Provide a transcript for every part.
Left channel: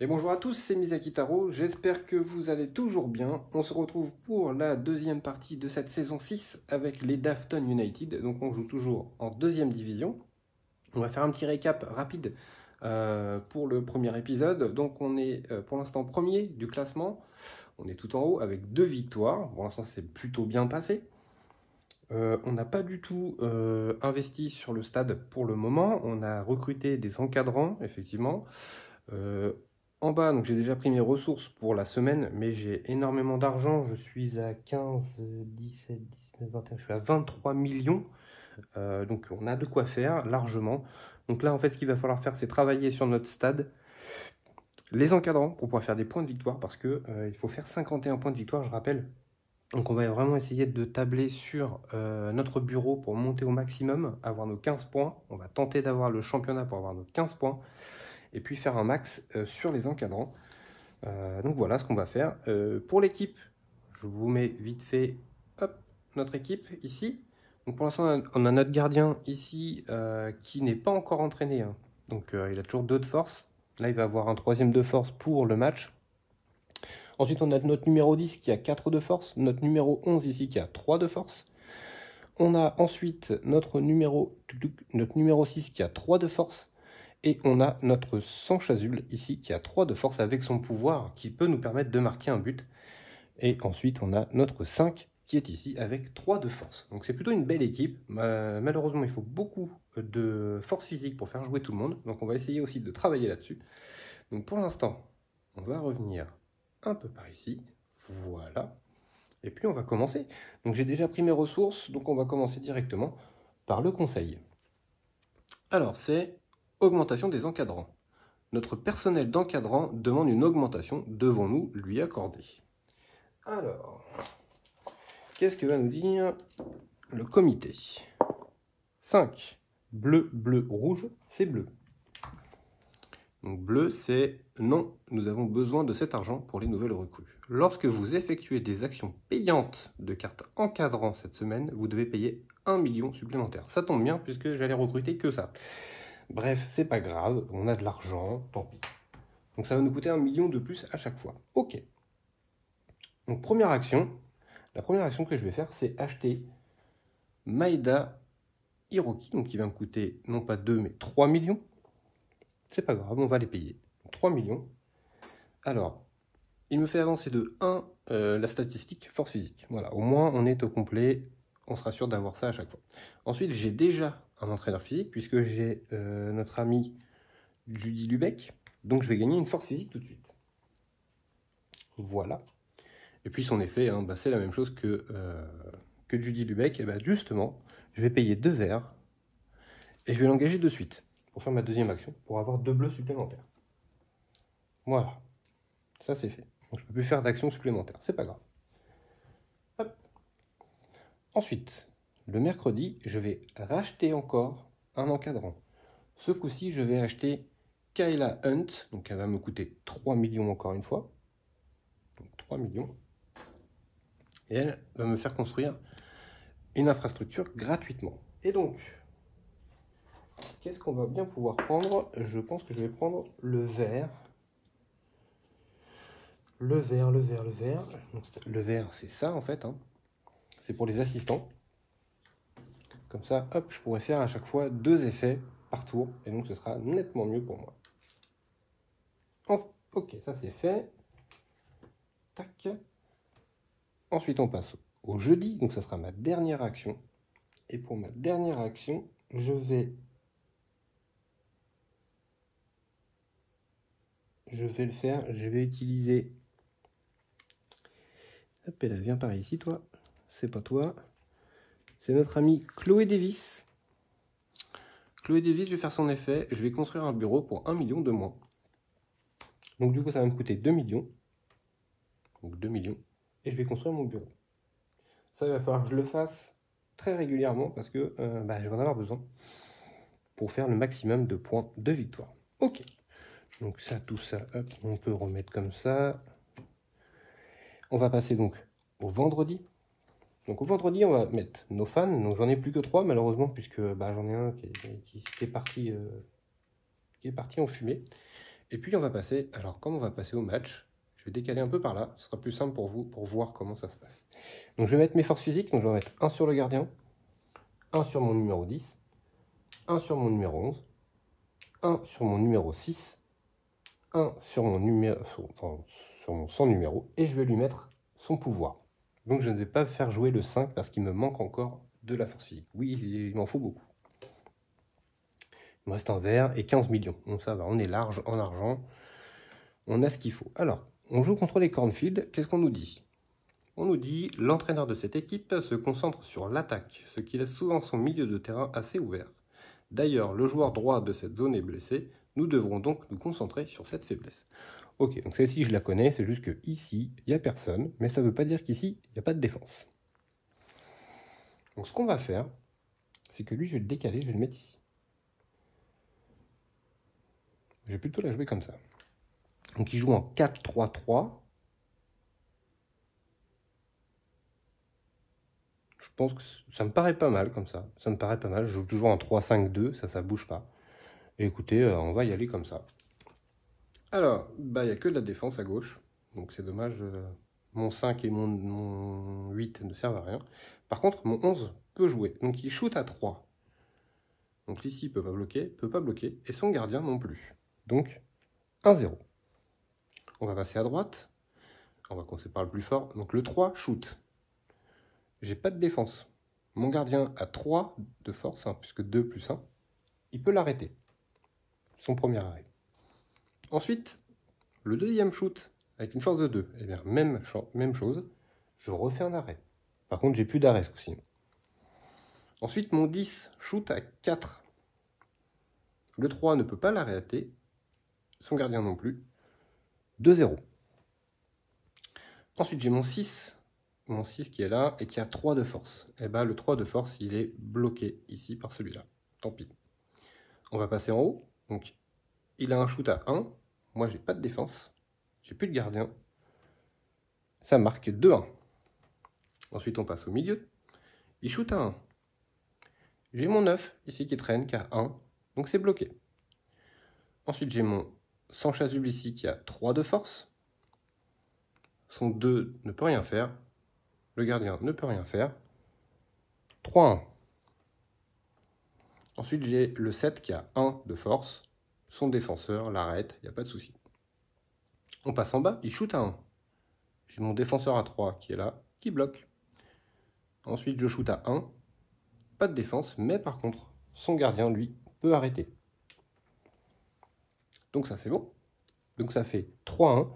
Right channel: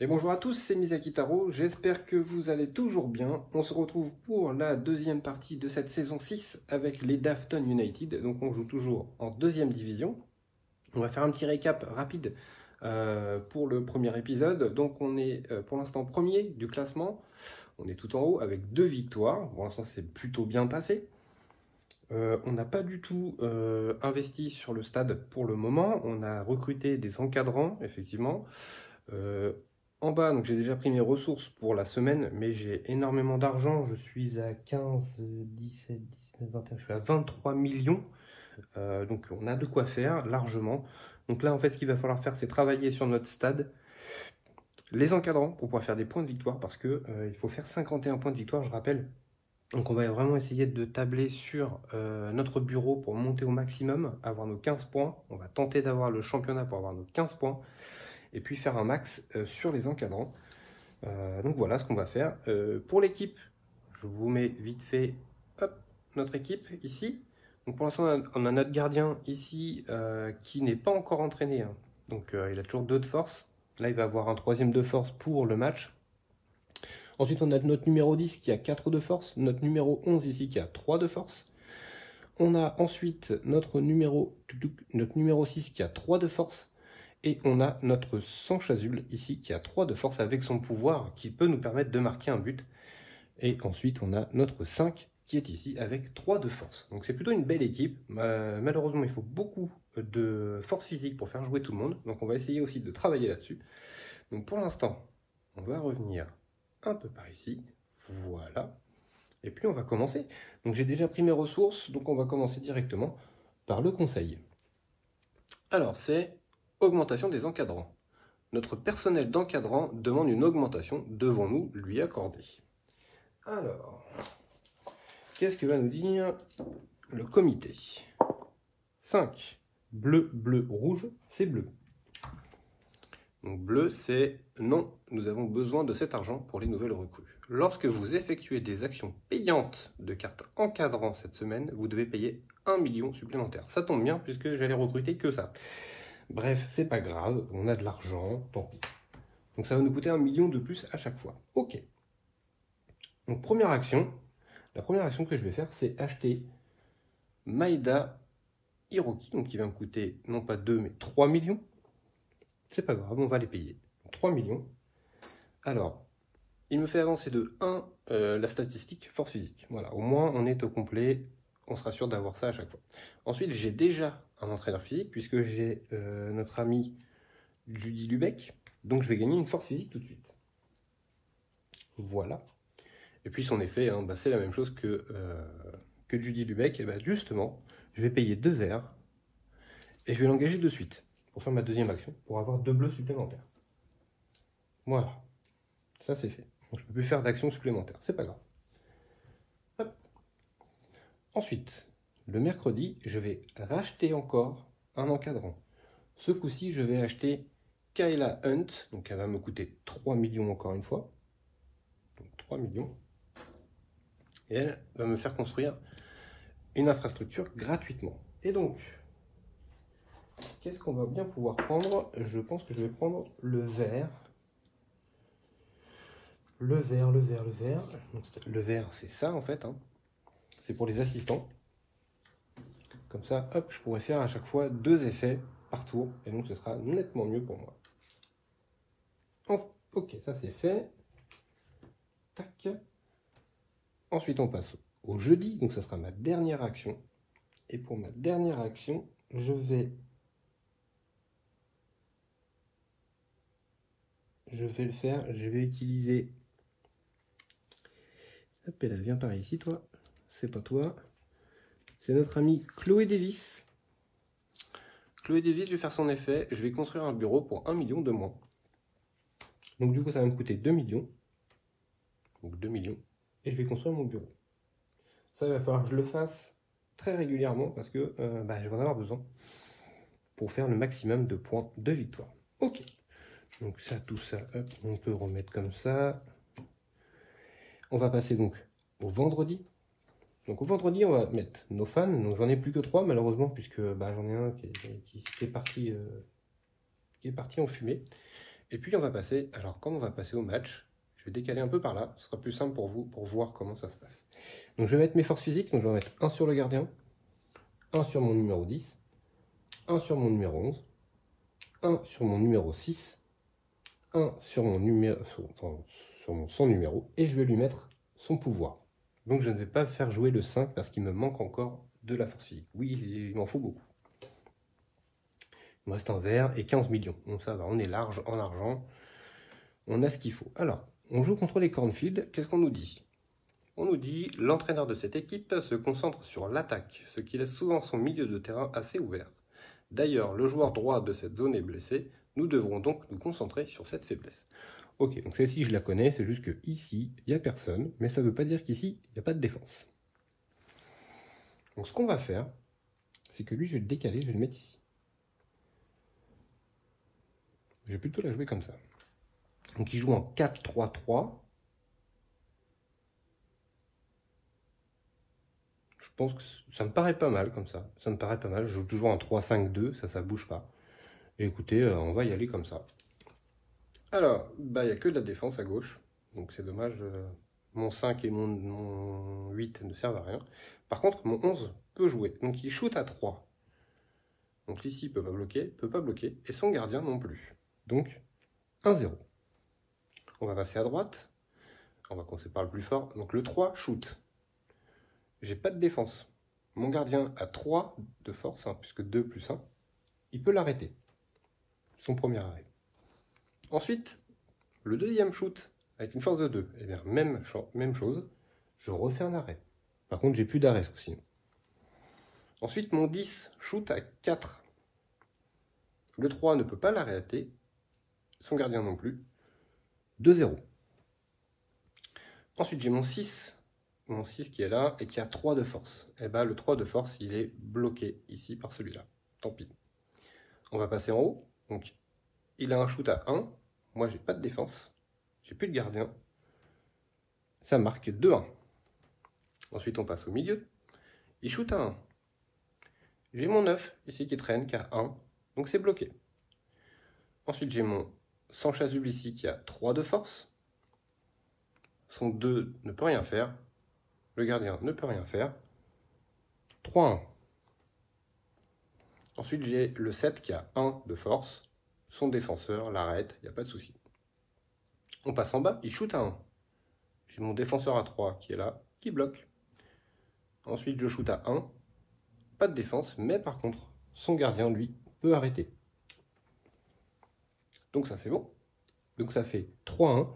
Et bonjour à tous, c'est Misaki Taro, j'espère que vous allez toujours bien. On se retrouve pour la deuxième partie de cette saison 6 avec les Dafton United. Donc on joue toujours en deuxième division. On va faire un petit récap rapide pour le premier épisode. Donc on est pour l'instant premier du classement. On est tout en haut avec 2 victoires. Pour l'instant c'est plutôt bien passé. On n'a pas du tout investi sur le stade pour le moment. On a recruté des encadrants, effectivement. En bas, donc j'ai déjà pris mes ressources pour la semaine, mais j'ai énormément d'argent. Je suis à 15, 17, 19, 21, je suis à 23 millions. Donc on a de quoi faire largement. Donc là, en fait, ce qu'il va falloir faire, c'est travailler sur notre stade. Les encadrants pour pouvoir faire des points de victoire, parce que il faut faire 51 points de victoire, je rappelle. Donc on va vraiment essayer de tabler sur notre bureau pour monter au maximum, avoir nos 15 points. On va tenter d'avoir le championnat pour avoir nos 15 points. Et puis faire un max sur les encadrants. Donc voilà ce qu'on va faire. Pour l'équipe, je vous mets vite fait hop, notre équipe ici. Donc pour l'instant, on a notre gardien ici qui n'est pas encore entraîné. Hein. Donc il a toujours 2 de force. Là, il va avoir un 3e de force pour le match. Ensuite, on a notre numéro 10 qui a 4 de force. Notre numéro 11 ici qui a 3 de force. On a ensuite notre numéro 6 qui a 3 de force. Et on a notre sang chasuble ici qui a 3 de force avec son pouvoir qui peut nous permettre de marquer un but. Et ensuite on a notre 5 qui est ici avec 3 de force. Donc c'est plutôt une belle équipe. Malheureusement il faut beaucoup de force physique pour faire jouer tout le monde. Donc on va essayer aussi de travailler là-dessus. Donc pour l'instant on va revenir un peu par ici. Voilà. Et puis on va commencer. Donc j'ai déjà pris mes ressources. Donc on va commencer directement par le conseil. Alors c'est... Augmentation des encadrants. Notre personnel d'encadrant demande une augmentation. Devons-nous lui accorder? Alors, qu'est-ce que va nous dire le comité? 5. Bleu, bleu, rouge, c'est bleu. Donc bleu, c'est non, nous avons besoin de cet argent pour les nouvelles recrues. Lorsque vous effectuez des actions payantes de cartes encadrant cette semaine, vous devez payer 1 million supplémentaire. Ça tombe bien puisque j'allais recruter que ça. Bref, c'est pas grave, on a de l'argent, tant pis. Donc ça va nous coûter 1 million de plus à chaque fois. Ok. Donc première action, la première action que je vais faire, c'est acheter Maeda Hiroki, donc qui va me coûter non pas 2 mais 3 millions. C'est pas grave, on va les payer. 3 millions. Alors, il me fait avancer de 1 la statistique force physique. Voilà, au moins on est au complet, on sera sûr d'avoir ça à chaque fois. Ensuite, j'ai déjà un entraîneur physique puisque j'ai notre ami Judy Lubeck, donc je vais gagner une force physique tout de suite. Voilà. Et puis son effet, hein, bah, c'est la même chose que Judy Lubeck. Et bah, justement, je vais payer 2 verts et je vais l'engager de suite pour faire ma deuxième action, pour avoir 2 bleus supplémentaires. Voilà. Ça c'est fait. Donc je ne peux plus faire d'action supplémentaire, c'est pas grave. Hop. Ensuite, le mercredi, je vais racheter encore un encadrant. Ce coup-ci, je vais acheter Kayla Hunt, donc elle va me coûter 3 millions encore une fois. Donc 3 millions. Et elle va me faire construire une infrastructure gratuitement. Et donc, qu'est-ce qu'on va bien pouvoir prendre? Je pense que je vais prendre le vert. Le vert. Donc, le vert, c'est ça en fait. Hein. C'est pour les assistants. Comme ça, hop, je pourrais faire à chaque fois 2 effets par tour. Et donc, ce sera nettement mieux pour moi. Ok, ça c'est fait. Tac. Ensuite, on passe au jeudi. Donc, ça sera ma dernière action. Et pour ma dernière action, je vais le faire. Je vais utiliser... Hop, elle vient par ici, toi. C'est pas toi. C'est notre ami Chloé Davis. Chloé Davis, je vais faire son effet. Je vais construire un bureau pour 1 million de moins. Donc du coup, ça va me coûter 2 millions. Donc 2 millions. Et je vais construire mon bureau. Ça, il va falloir que je le fasse très régulièrement parce que je vais en avoir besoin pour faire le maximum de points de victoire. Ok. Donc ça, tout ça, hop, on peut remettre comme ça. On va passer donc au vendredi. Donc au vendredi, on va mettre nos fans. Donc j'en ai plus que 3 malheureusement, puisque j'en ai un qui est parti en fumée. Et puis on va passer, alors comme on va passer au match, je vais décaler un peu par là, ce sera plus simple pour vous, pour voir comment ça se passe. Donc je vais mettre mes forces physiques, donc je vais mettre 1 sur le gardien, 1 sur mon numéro 10, 1 sur mon numéro 11, 1 sur mon numéro 6, 1 sur mon numéro, enfin, sur mon sans numéro, et je vais lui mettre son pouvoir. Donc je ne vais pas faire jouer le 5 parce qu'il me manque encore de la force physique. Oui, il m'en faut beaucoup. Il me reste un vert et 15 millions. Donc ça va, on est large en argent. On a ce qu'il faut. Alors, on joue contre les Cornfield. Qu'est-ce qu'on nous dit? On nous dit, l'entraîneur de cette équipe se concentre sur l'attaque, ce qui laisse souvent son milieu de terrain assez ouvert. D'ailleurs, le joueur droit de cette zone est blessé. Nous devrons donc nous concentrer sur cette faiblesse. Ok, donc celle-ci je la connais, c'est juste que ici, il n'y a personne, mais ça ne veut pas dire qu'ici, il n'y a pas de défense. Donc ce qu'on va faire, c'est que lui, je vais le décaler, je vais le mettre ici. Je vais plutôt la jouer comme ça. Donc il joue en 4-3-3. Je pense que ça me paraît pas mal comme ça. Ça me paraît pas mal. Je joue toujours en 3-5-2, ça bouge pas. Et écoutez, on va y aller comme ça. Alors, bah, il n'y a que de la défense à gauche. Donc c'est dommage, mon 5 et mon 8 ne servent à rien. Par contre, mon 11 peut jouer. Donc il shoot à 3. Donc ici, il peut pas bloquer. Et son gardien non plus. Donc 1-0. On va passer à droite. On va commencer par le plus fort. Donc le 3, shoot. J'ai pas de défense. Mon gardien a 3 de force, hein, puisque 2 plus 1. Il peut l'arrêter. Son premier arrêt. Ensuite, le deuxième shoot, avec une force de 2. Eh bien, même chose. Je refais un arrêt. Par contre, j'ai plus d'arrêt, aussi. Ensuite, mon 10 shoot à 4. Le 3 ne peut pas l'arrêter. Son gardien non plus. 2-0. Ensuite, j'ai mon 6 qui est là et qui a 3 de force. Et bien, le 3 de force, il est bloqué ici par celui-là. Tant pis. On va passer en haut. Donc, il a un shoot à 1. Moi, j'ai pas de défense. J'ai plus de gardien. Ça marque 2-1. Ensuite, on passe au milieu. Il shoot à 1. J'ai mon 9 ici qui traîne, qui a 1. Donc, c'est bloqué. Ensuite, j'ai mon sans chasuble ici qui a 3 de force. Son 2 ne peut rien faire. Le gardien ne peut rien faire. 3-1. Ensuite, j'ai le 7 qui a 1 de force. Son défenseur l'arrête, il n'y a pas de souci. On passe en bas, il shoot à 1. J'ai mon défenseur à 3 qui est là, qui bloque. Ensuite, je shoot à 1. Pas de défense, mais par contre, son gardien, lui, peut arrêter. Donc ça, c'est bon. Donc ça fait 3-1.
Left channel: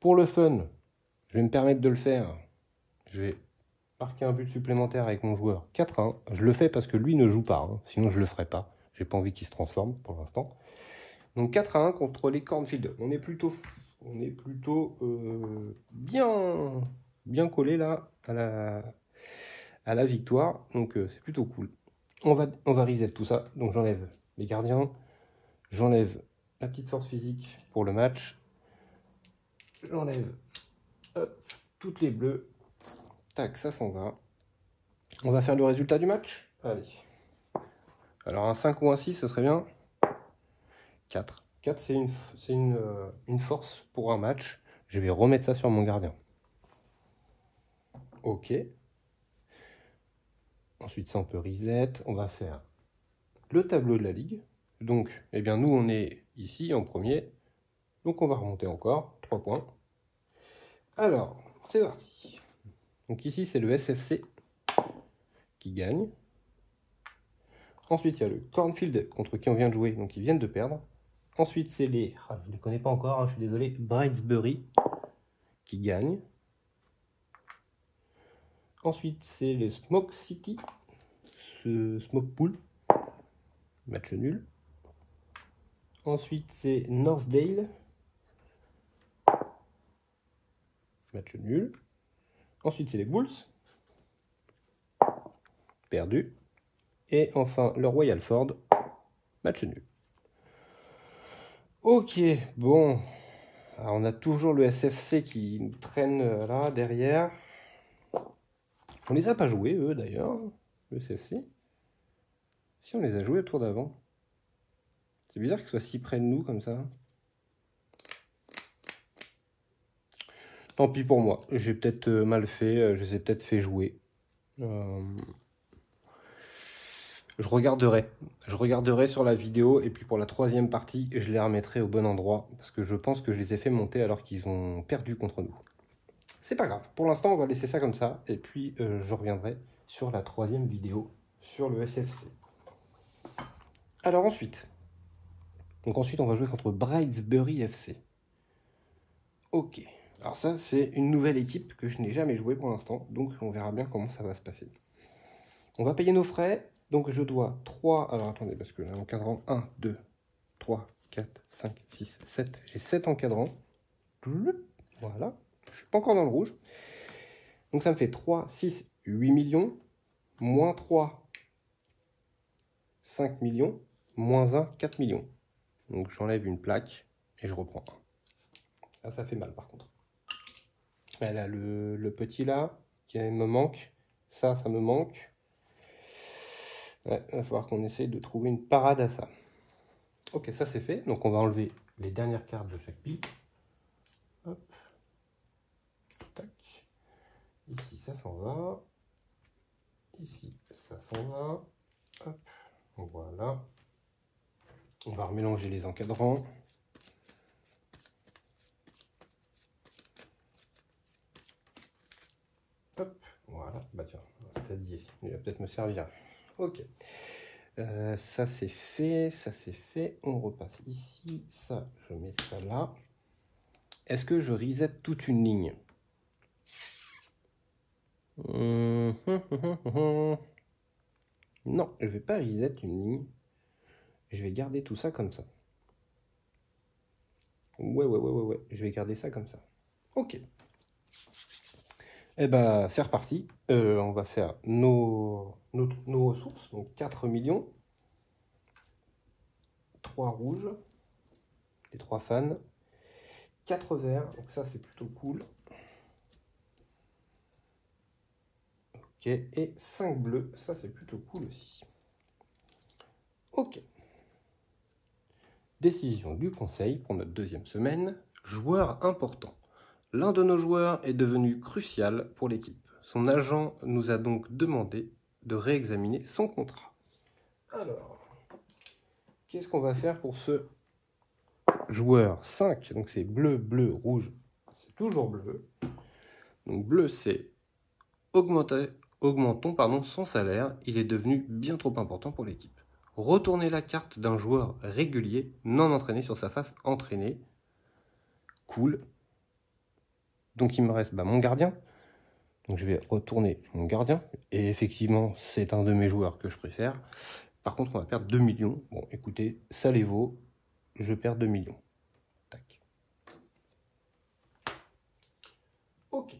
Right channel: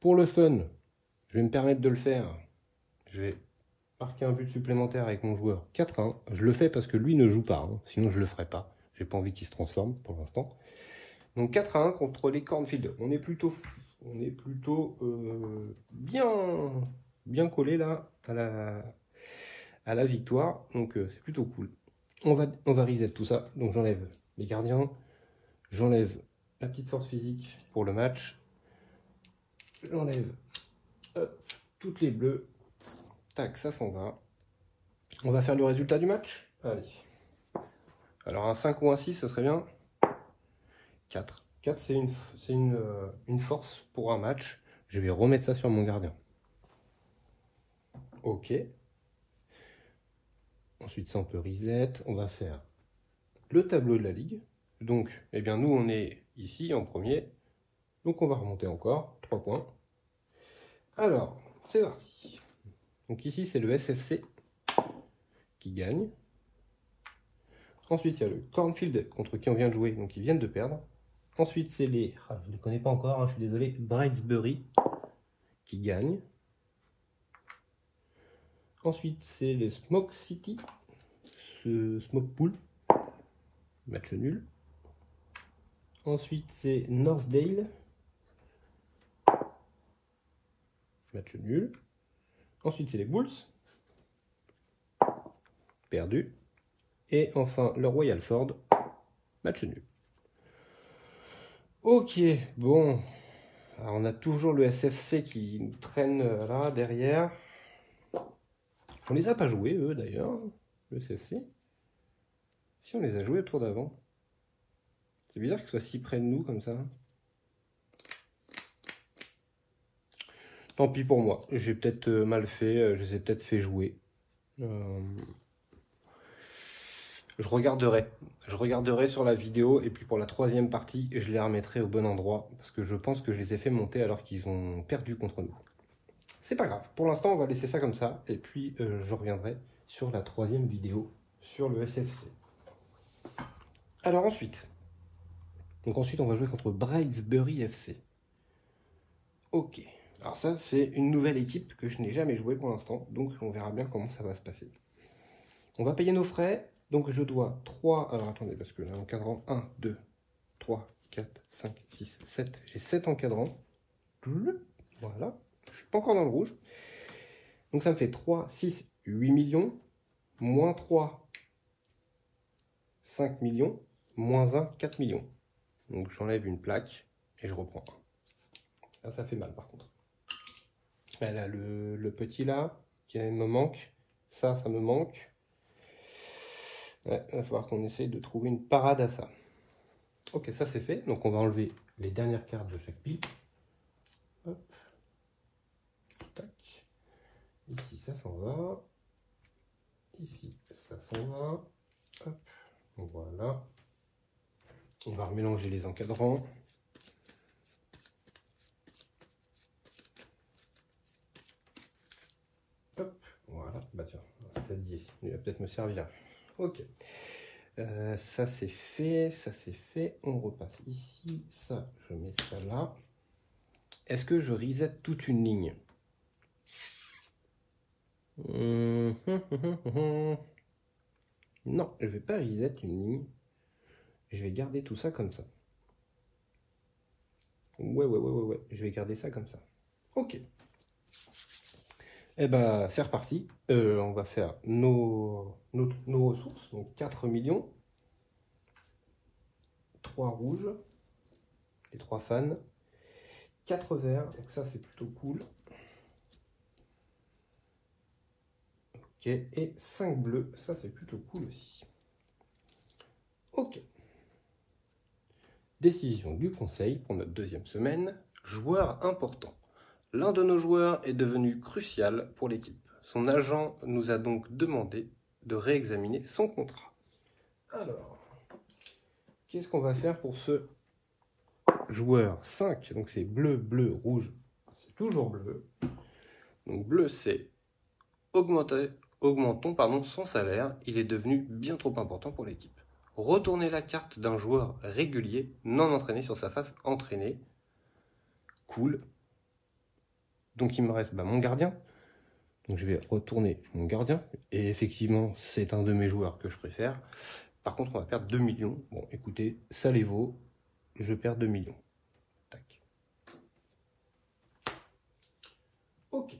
Pour le fun, je vais me permettre de le faire. Je vais marquer un but supplémentaire avec mon joueur 4-1. Je le fais parce que lui ne joue pas, hein. Sinon je ne le ferai pas. J'ai pas envie qu'il se transforme pour l'instant. Donc 4-1 contre les Cornfield. On est plutôt bien collé là à la victoire. Donc c'est plutôt cool. On va reset tout ça. Donc j'enlève les gardiens. J'enlève la petite force physique pour le match. J'enlève toutes les bleues. Tac, ça s'en va. On va faire le résultat du match. Allez. Alors un 5 ou un 6, ce serait bien. 4. 4, c'est une force pour un match. Je vais remettre ça sur mon gardien. Ok. Ensuite, ça, on peut reset. On va faire le tableau de la ligue. Donc, eh bien, nous, on est ici en premier. Donc, on va remonter encore. 3 points. Alors, c'est parti. Donc ici, c'est le SFC qui gagne. Ensuite, il y a le Cornfield contre qui on vient de jouer, donc ils viennent de perdre. Ensuite, c'est les... je ne les connais pas encore, hein, je suis désolé. Brightsbury qui gagne. Ensuite, c'est les Smoke City. Smoke Pool. Match nul. Ensuite, c'est Northdale. Match nul. Ensuite, c'est les Bulls. Perdu. Et enfin, le Royal Ford. Match nul. Ok, bon. Alors, on a toujours le SFC qui traîne là, derrière. On les a pas joués, eux, d'ailleurs, le SFC. Si, on les a joués au tour d'avant. C'est bizarre qu'ils soient si près de nous, comme ça. Tant pis pour moi, j'ai peut-être mal fait, je les ai peut-être fait jouer. Je regarderai sur la vidéo et puis pour la troisième partie, je les remettrai au bon endroit parce que je pense que je les ai fait monter alors qu'ils ont perdu contre nous. C'est pas grave, pour l'instant on va laisser ça comme ça et puis je reviendrai sur la troisième vidéo sur le SFC. Alors ensuite on va jouer contre Bridesbury FC. Ok, alors ça c'est une nouvelle équipe que je n'ai jamais jouée pour l'instant, donc on verra bien comment ça va se passer. On va payer nos frais. Donc je dois 3, alors attendez, parce que là, encadrant 1, 2, 3, 4, 5, 6, 7. J'ai 7 encadrants. Voilà, je suis pas encore dans le rouge. Donc ça me fait 3, 6, 8 millions, moins 3, 5 millions, moins 1, 4 millions. Donc j'enlève une plaque et je reprends 1. Là, ça fait mal par contre. Là, le petit là, qui me manque, ça me manque. Ouais, il va falloir qu'on essaye de trouver une parade à ça. Ok, ça c'est fait. Donc on va enlever les dernières cartes de chaque pile. Hop. Tac. Ici, ça s'en va. Ici, ça s'en va. Hop. Voilà. On va remélanger les encadrants. Hop. Voilà. Bah tiens, c'est-à-dire, il va peut-être me servir. Ok. Ça c'est fait, ça c'est fait. On repasse ici. Ça, je mets ça là. Est-ce que je reset toute une ligne? Non, je vais pas reset une ligne. Je vais garder tout ça comme ça. Ouais. Je vais garder ça comme ça. Ok. Eh ben, c'est reparti. On va faire nos ressources. Donc 4 millions. 3 rouges. Les 3 fans. 4 verts. Donc ça, c'est plutôt cool. Ok. Et 5 bleus. Ça, c'est plutôt cool aussi. Ok. Décision du conseil pour notre deuxième semaine. Joueur important. L'un de nos joueurs est devenu crucial pour l'équipe. Son agent nous a donc demandé de réexaminer son contrat. Alors, qu'est-ce qu'on va faire pour ce joueur 5? Donc c'est bleu, bleu, rouge. C'est toujours bleu. Donc bleu, c'est augmentons son salaire. Il est devenu bien trop important pour l'équipe. Retournez la carte d'un joueur régulier, non entraîné sur sa face entraînée. Cool. Donc il me reste mon gardien. Donc je vais retourner mon gardien. Et effectivement, c'est un de mes joueurs que je préfère. Par contre, on va perdre 2 millions. Bon, écoutez, ça les vaut. Je perds 2 millions. Tac. Ok.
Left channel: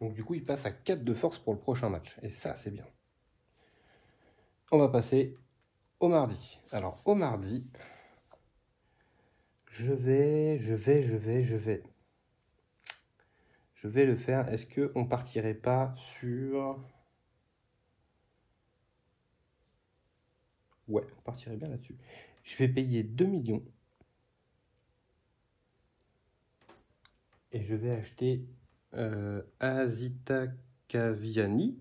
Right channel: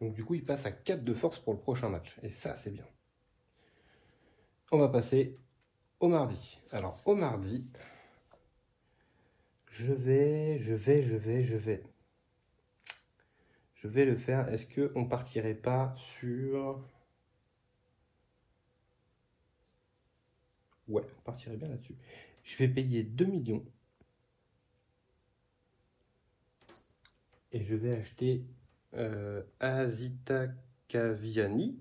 Donc du coup, il passe à 4 de force pour le prochain match. Et ça, c'est bien. On va passer au mardi. Alors, au mardi, je vais le faire. Est-ce qu'on partirait pas sur... Ouais, on partirait bien là-dessus. Je vais payer 2 millions. Et je vais acheter Azita Kaviani.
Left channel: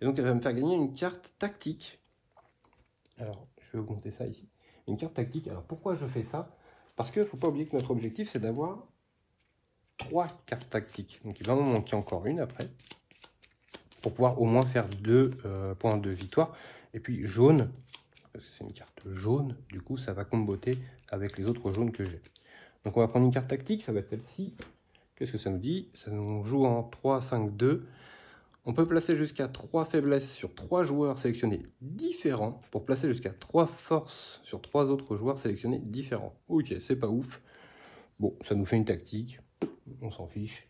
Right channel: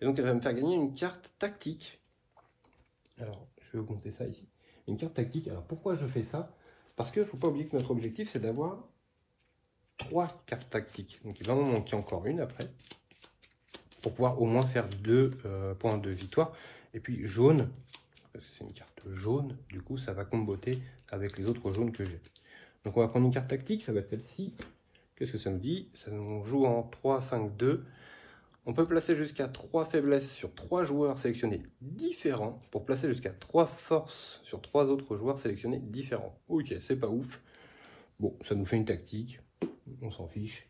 Et donc elle va me faire gagner une carte tactique. Alors, je vais augmenter ça ici. Une carte tactique. Alors pourquoi je fais ça? Parce qu'il ne faut pas oublier que notre objectif, c'est d'avoir 3 cartes tactiques. Donc il va en manquer encore une après. Pour pouvoir au moins faire 2 points de victoire. Et puis jaune, parce que c'est une carte jaune, du coup ça va comboter avec les autres jaunes que j'ai. Donc on va prendre une carte tactique, ça va être celle-ci. Qu'est-ce que ça nous dit? Ça nous joue en 3, 5, 2. On peut placer jusqu'à 3 faiblesses sur 3 joueurs sélectionnés différents pour placer jusqu'à 3 forces sur 3 autres joueurs sélectionnés différents. Ok, c'est pas ouf. Bon, ça nous fait une tactique. On s'en fiche.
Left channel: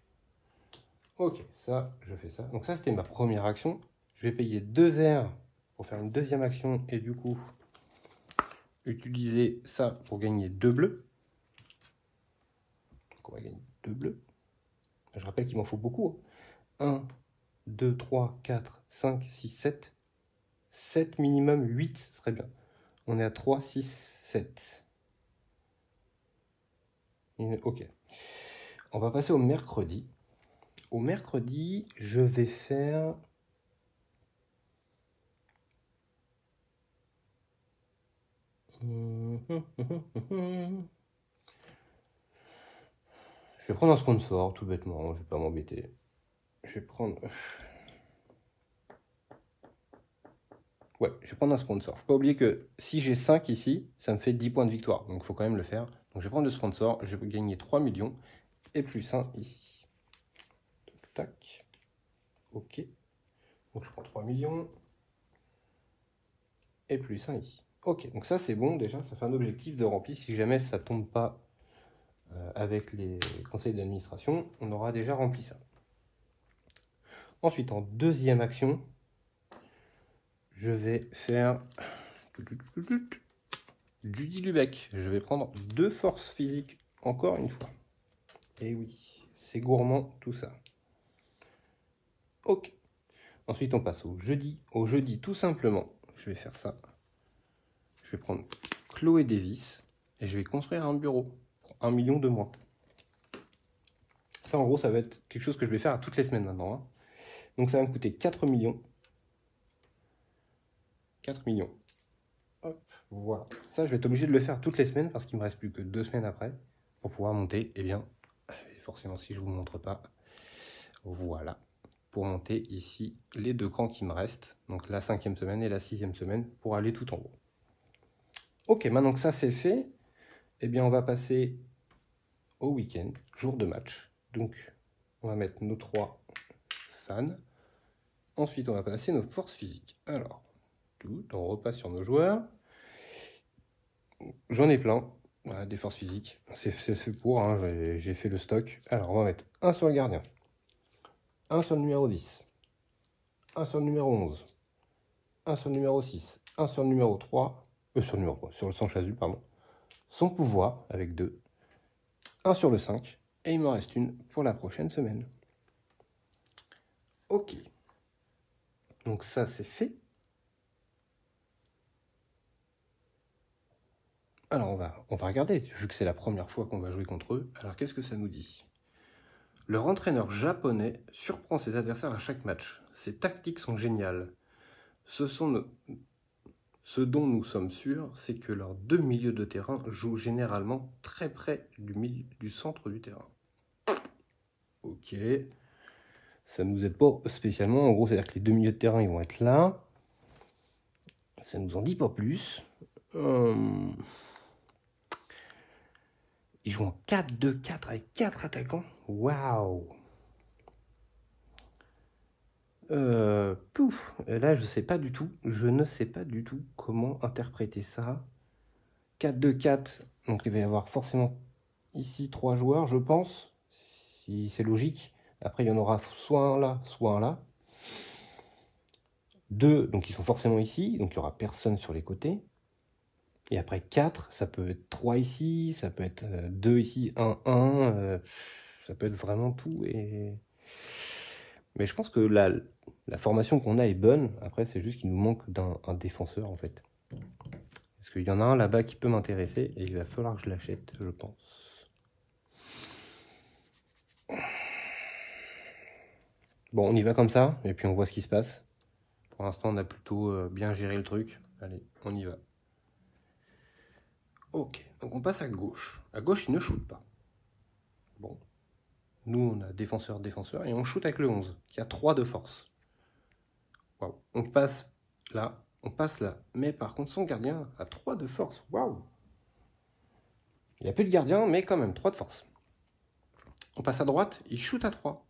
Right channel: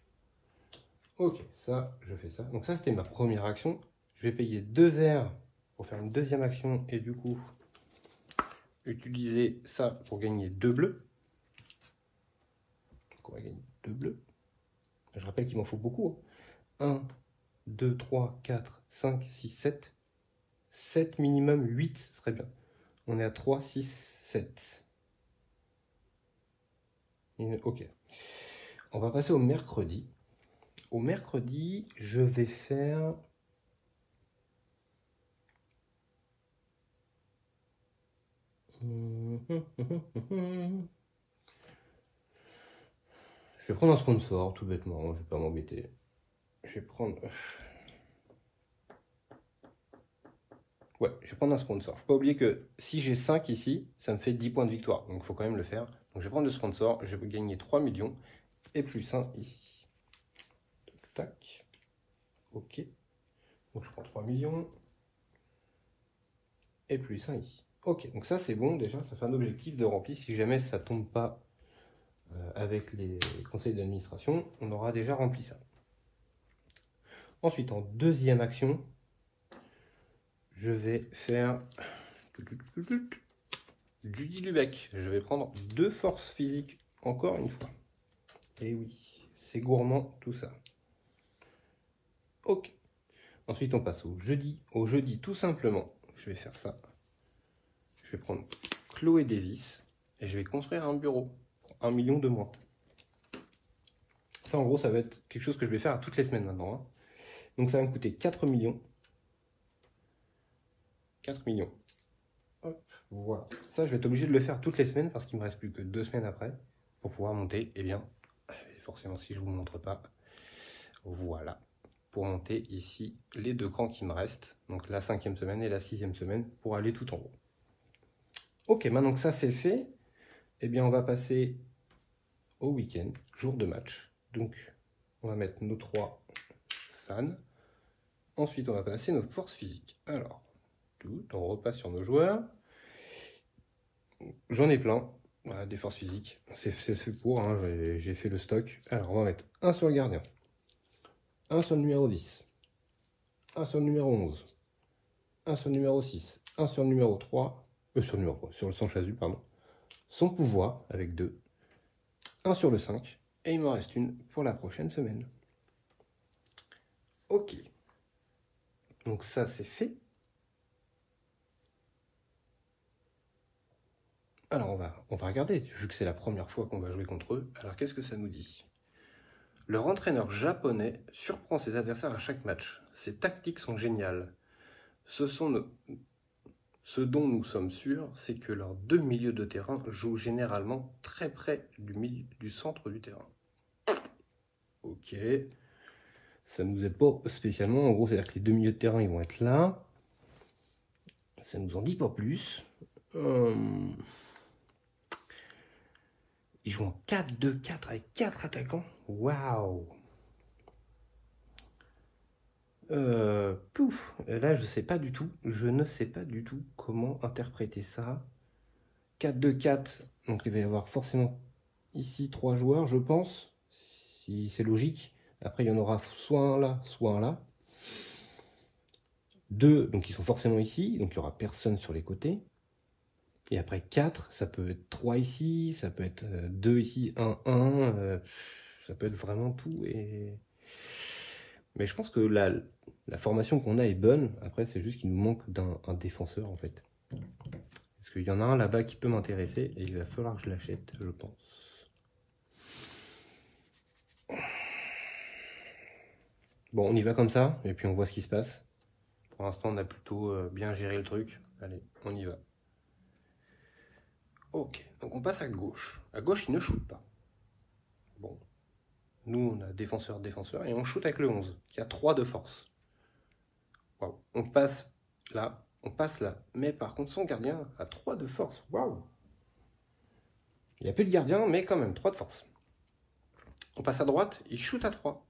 Ok, ça, je fais ça. Donc ça, c'était ma première action. Je vais payer 2 verts pour faire une deuxième action et du coup, utiliser ça pour gagner 2 bleus. Donc on va gagner 2 bleus. Je rappelle qu'il m'en faut beaucoup. 1, 2, 3, 4, 5, 6, 7. 7 minimum, 8 serait bien. On est à 3, 6, 7. Ok. on va passer au mercredi. Au mercredi, je vais faire... Je vais prendre un sponsor, tout bêtement, je vais pas m'embêter. Je vais prendre... Ouais, je vais prendre un sponsor. Faut pas oublier que si j'ai 5 ici, ça me fait 10 points de victoire. Donc il faut quand même le faire. Donc je vais prendre le sponsor, je vais gagner 3 millions et plus 1 ici. Tac. Ok. Donc je prends 3 millions et plus 1 ici. Ok, donc ça c'est bon déjà, ça fait un objectif de rempli. Si jamais ça tombe pas avec les conseils d'administration, on aura déjà rempli ça. Ensuite, en deuxième action, je vais faire Judy Lubeck. Je vais prendre 2 forces physiques encore une fois. Et oui, c'est gourmand tout ça. Ok. Ensuite, on passe au jeudi. Au jeudi, tout simplement, je vais faire ça. Je vais prendre Chloé Davis et je vais construire un bureau. 1 million de moins. Ça, en gros, ça va être quelque chose que je vais faire à toutes les semaines maintenant. Hein. Donc, ça va me coûter 4 millions. 4 millions. Hop, voilà. Ça, je vais être obligé de le faire toutes les semaines parce qu'il me reste plus que 2 semaines après pour pouvoir monter. Eh bien, forcément, si je ne vous montre pas, voilà. Pour monter ici les 2 crans qui me restent. Donc, la 5e semaine et la 6e semaine pour aller tout en haut. Ok, maintenant que ça c'est fait, eh bien, on va passer au week-end, jour de match. Donc, on va mettre nos 3 fans. Ensuite, on va passer nos forces physiques. Alors, on repasse sur nos joueurs. J'en ai plein, voilà, des forces physiques. C'est fait pour, hein, j'ai fait le stock. Alors, on va mettre un sur le gardien, un sur le numéro 10, un sur le numéro 11, un sur le numéro 6, un sur le numéro 3, sur le sang chasu, pardon. Son pouvoir, avec 2, un sur le 5, et il me reste une pour la prochaine semaine. Ok. Donc ça, c'est fait. Alors, on va regarder, vu que c'est la première fois qu'on va jouer contre eux. Alors, qu'est-ce que ça nous dit? Leur entraîneur japonais surprend ses adversaires à chaque match. Ses tactiques sont géniales. Ce dont nous sommes sûrs, c'est que leurs 2 milieux de terrain jouent généralement très près du centre du terrain. Ok. Ça ne nous aide pas spécialement. En gros, c'est-à-dire que les 2 milieux de terrain, ils vont être là. Ça ne nous en dit pas plus. Ils jouent en 4-2-4 avec 4 attaquants. Waouh! Pouf! Là, je sais pas du tout. Je ne sais pas du tout comment interpréter ça. 4-2-4. Donc, il va y avoir forcément ici 3 joueurs, je pense. Si c'est logique. Après, il y en aura soit un là, soit un là. 2, donc ils sont forcément ici. Donc, il n'y aura personne sur les côtés. Et après 4, ça peut être 3 ici, ça peut être 2 ici, 1, 1, ça peut être vraiment tout. Mais je pense que la formation qu'on a est bonne. Après, c'est juste qu'il nous manque un défenseur, en fait. Parce qu'il y en a un là-bas qui peut m'intéresser, et il va falloir que je l'achète, je pense. Bon, on y va comme ça, et puis on voit ce qui se passe. Pour l'instant, on a plutôt bien géré le truc. Allez, on y va. Ok, donc on passe à gauche. À gauche, il ne shoot pas. Bon. Nous, on a défenseur, défenseur, et on shoot avec le 11, qui a 3 de force. Waouh. On passe là, mais par contre, son gardien a 3 de force. Waouh. Il n'y a plus de gardien, mais quand même, 3 de force. On passe à droite, il shoot à 3.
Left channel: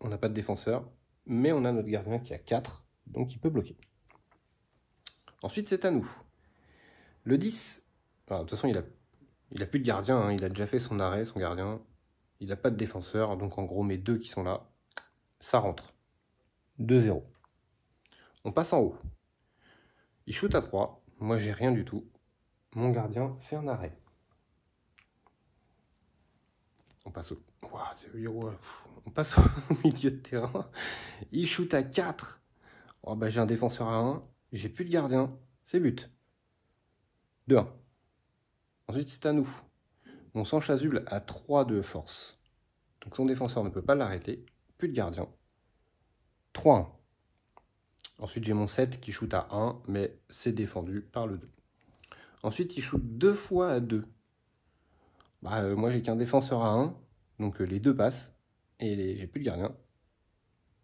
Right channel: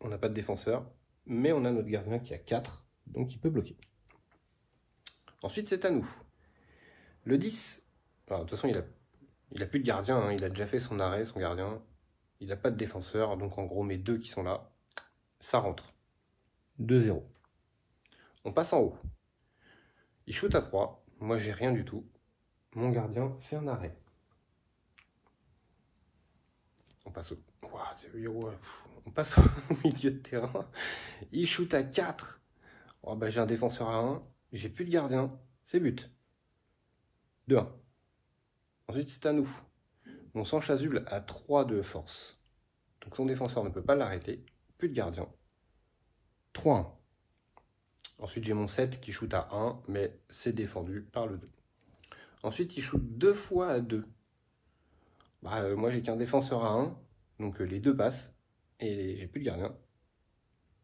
On n'a pas de défenseur, mais on a notre gardien qui a 4, donc il peut bloquer. Ensuite, c'est à nous. Le 10, enfin, de toute façon, il a plus de gardien, hein, il a déjà fait son arrêt, son gardien. Il n'a pas de défenseur, donc en gros, mes 2 qui sont là, ça rentre. 2-0. On passe en haut. Il shoot à 3. Moi, j'ai rien du tout. Mon gardien fait un arrêt. On passe au... On passe au milieu de terrain. Il shoot à 4. Oh, bah, j'ai un défenseur à 1. J'ai plus de gardien. C'est but. 2-1. Ensuite, c'est à nous. Mon sang chasuble a 3 de force. Donc son défenseur ne peut pas l'arrêter. Plus de gardien. 3-1. Ensuite, j'ai mon 7 qui shoot à 1, mais c'est défendu par le 2. Ensuite, il shoot 2 fois à 2. Moi, j'ai qu'un défenseur à 1, donc les 2 passent. Et j'ai plus de gardien.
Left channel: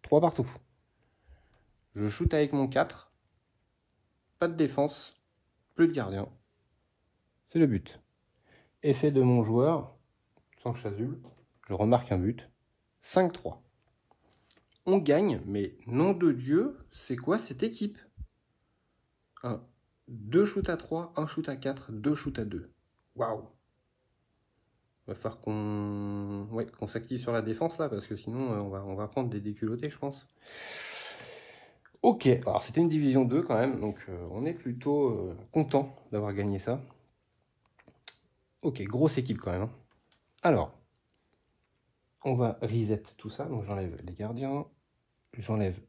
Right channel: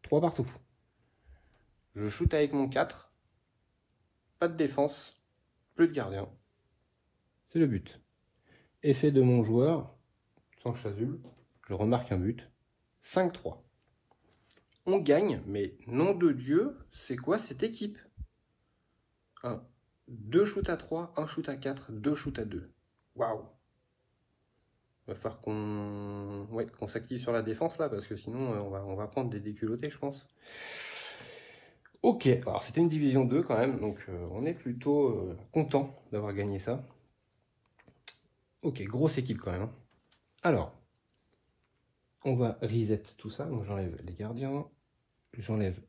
3 partout. Je shoot avec mon 4. Pas de défense. Plus de gardien. C'est le but. Effet de mon joueur. Sans chasuble. Je remarque un but. 5-3. On gagne, mais nom de Dieu, c'est quoi cette équipe? 2 shoots à 3, 1 shoot à 4, 2 shoots à 2. Waouh! Il va falloir qu'on s'active sur la défense là, parce que sinon on va prendre des déculottés, je pense. Ok, alors c'était une division 2 quand même, donc on est plutôt content d'avoir gagné ça. Ok, grosse équipe quand même. Alors, on va reset tout ça, donc j'enlève les gardiens, j'enlève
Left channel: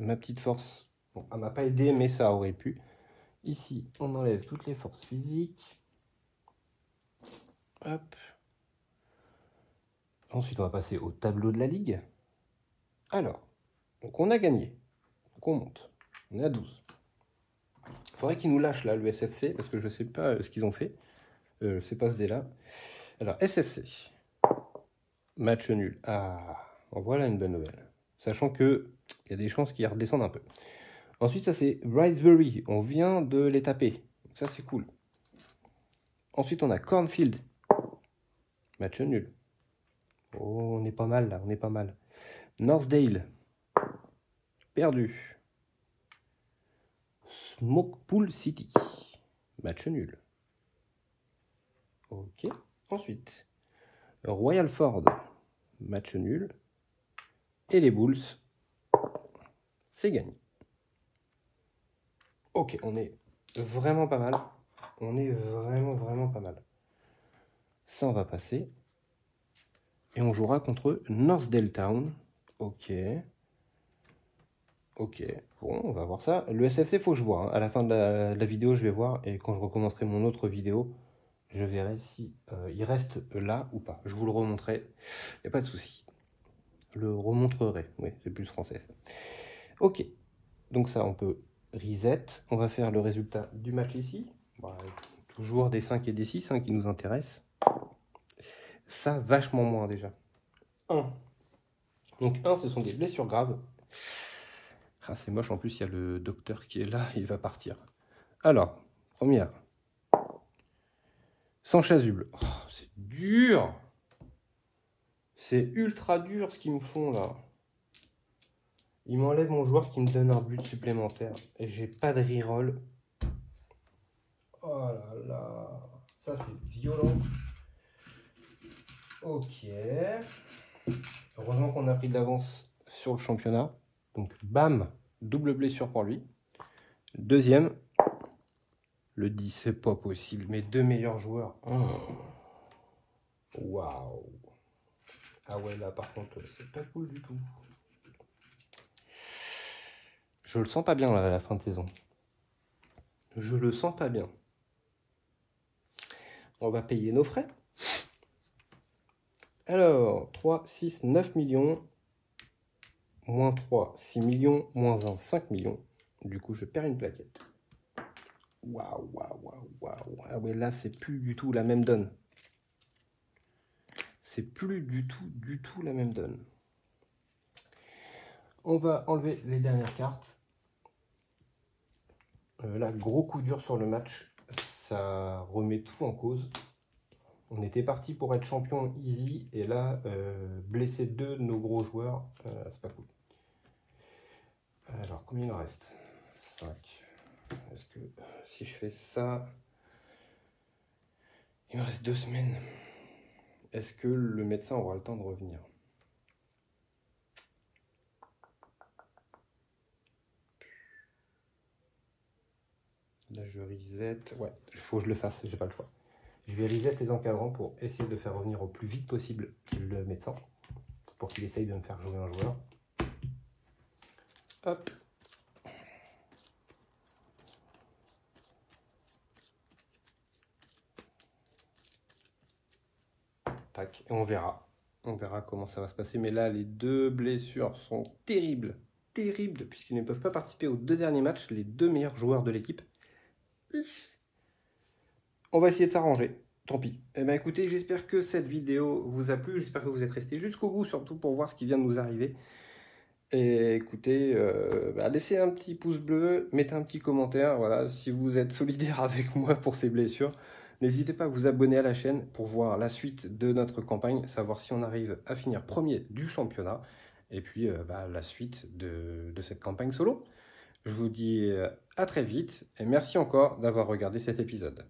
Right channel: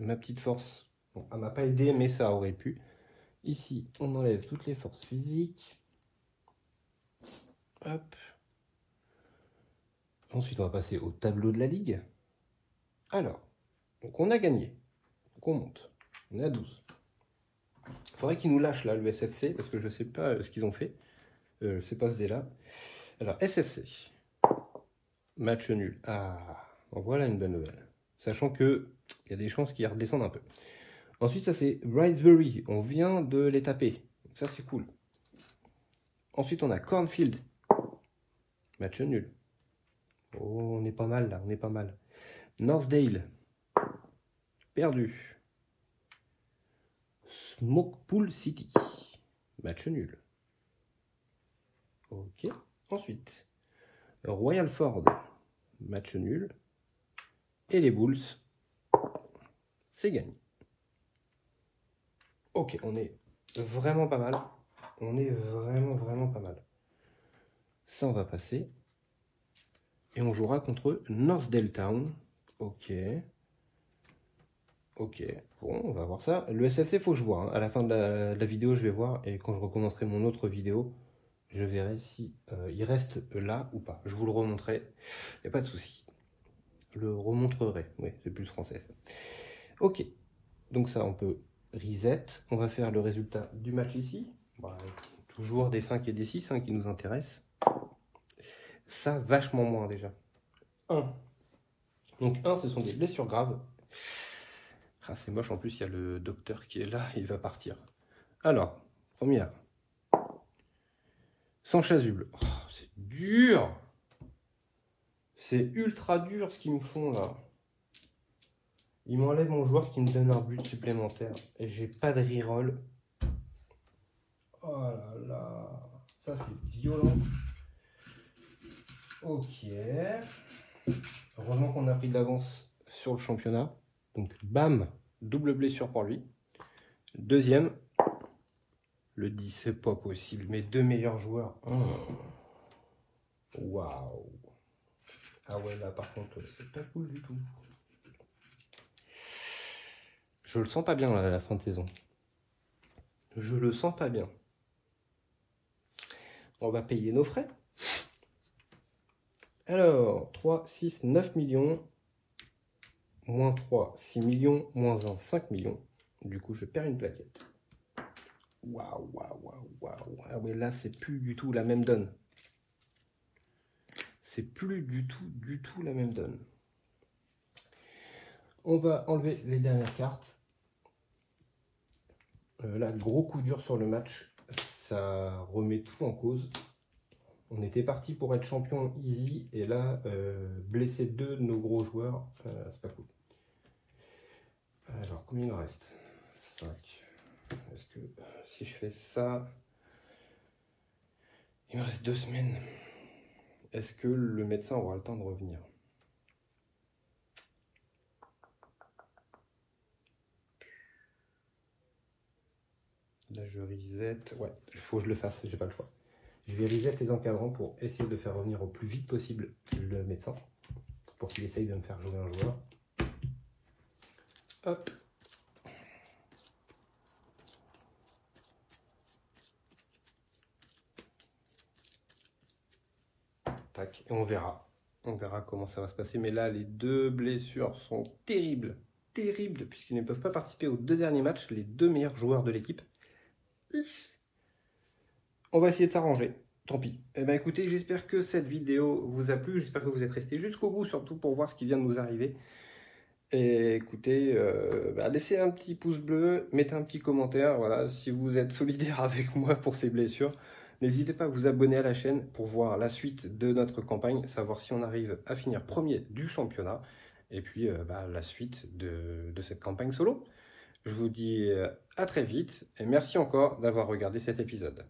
ma petite force. Bon, elle m'a pas aidé, mais ça aurait pu. Ici, on enlève toutes les forces physiques. Hop. Ensuite, on va passer au tableau de la ligue. Alors, donc on a gagné. Donc on monte. On est à 12. Il faudrait qu'ils nous lâchent là, le SFC, parce que je ne sais pas ce qu'ils ont fait. C'est pas ce dé là. Alors, SFC. Match nul. Ah, voilà une bonne nouvelle. Sachant qu'il y a des chances qu'ils redescendent un peu. Ensuite, ça c'est Wrightsbury. On vient de les taper. Donc ça, c'est cool. Ensuite, on a Cornfield. Match nul. Oh, on est pas mal là, on est pas mal. Northdale. Perdu. Smokepool City. Match nul. Ok. Ensuite, Royal Ford. Match nul. Et les Bulls. C'est gagné. Ok, on est vraiment pas mal. On est vraiment pas mal. Ça, on va passer. Et on jouera contre Northdale Town. Ok. Ok. Bon, on va voir ça. Le SFC, il faut que je vois. Hein. À la fin de la vidéo, je vais voir. Et quand je recommencerai mon autre vidéo, je verrai si il reste là ou pas. Je vous le remontrerai. Il n'y a pas de souci. Je le remontrerai. Oui, c'est plus français. Ça. Ok. Donc ça, on peut reset. On va faire le résultat du match ici. Bon, toujours des 5 et des 6 hein, qui nous intéressent. Ça, vachement moins déjà. 1. Donc 1, ce sont des blessures graves. Ah, c'est moche, en plus, il y a le docteur qui est là, il va partir. Alors, première. Sans chasuble. Oh, c'est dur. C'est ultra dur ce qu'ils me font là. Ils m'enlèvent mon joueur qui me donne un but supplémentaire. Et j'ai pas de reroll. Oh là là. Ça, c'est violent. Ok. Heureusement qu'on a pris de l'avance sur le championnat. Donc, bam, double blessure pour lui. Deuxième, le 10, c'est pas possible. Mes 2 meilleurs joueurs. Waouh. Ah ouais, là, par contre, c'est pas cool du tout. Je le sens pas bien, là, à la fin de saison. Je le sens pas bien. On va payer nos frais. Alors, 3, 6, 9 millions. Moins 3, 6 millions. Moins 1, 5 millions. Du coup, je perds une plaquette. Waouh, waouh, waouh, waouh. Ah ouais, là, c'est plus du tout la même donne. C'est plus du tout la même donne. On va enlever les dernières cartes. Là, gros coup dur sur le match. Ça remet tout en cause. On était parti pour être champion easy. Et là, blesser 2 de nos gros joueurs, c'est pas cool. Alors, combien il en reste? 5. Est-ce que si je fais ça, il me reste 2 semaines. Est-ce que le médecin aura le temps de revenir? Là, je reset. Ouais, il faut que je le fasse, j'ai pas le choix. Je vais reset les encadrants pour essayer de faire revenir au plus vite possible le médecin. Pour qu'il essaye de me faire jouer un joueur. Hop. tac, et on verra. On verra comment ça va se passer. Mais là, les 2 blessures sont terribles. Terribles, puisqu'ils ne peuvent pas participer aux 2 derniers matchs, les 2 meilleurs joueurs de l'équipe. On va essayer de s'arranger. Tant pis. Eh bien, écoutez, j'espère que cette vidéo vous a plu. J'espère que vous êtes restés jusqu'au bout, surtout pour voir ce qui vient de nous arriver. Et écoutez, laissez un petit pouce bleu, mettez un petit commentaire, voilà, si vous êtes solidaire avec moi pour ces blessures. N'hésitez pas à vous abonner à la chaîne pour voir la suite de notre campagne, savoir si on arrive à finir premier du championnat, et puis la suite de cette campagne solo. Je vous dis à très vite, et merci encore d'avoir regardé cet épisode.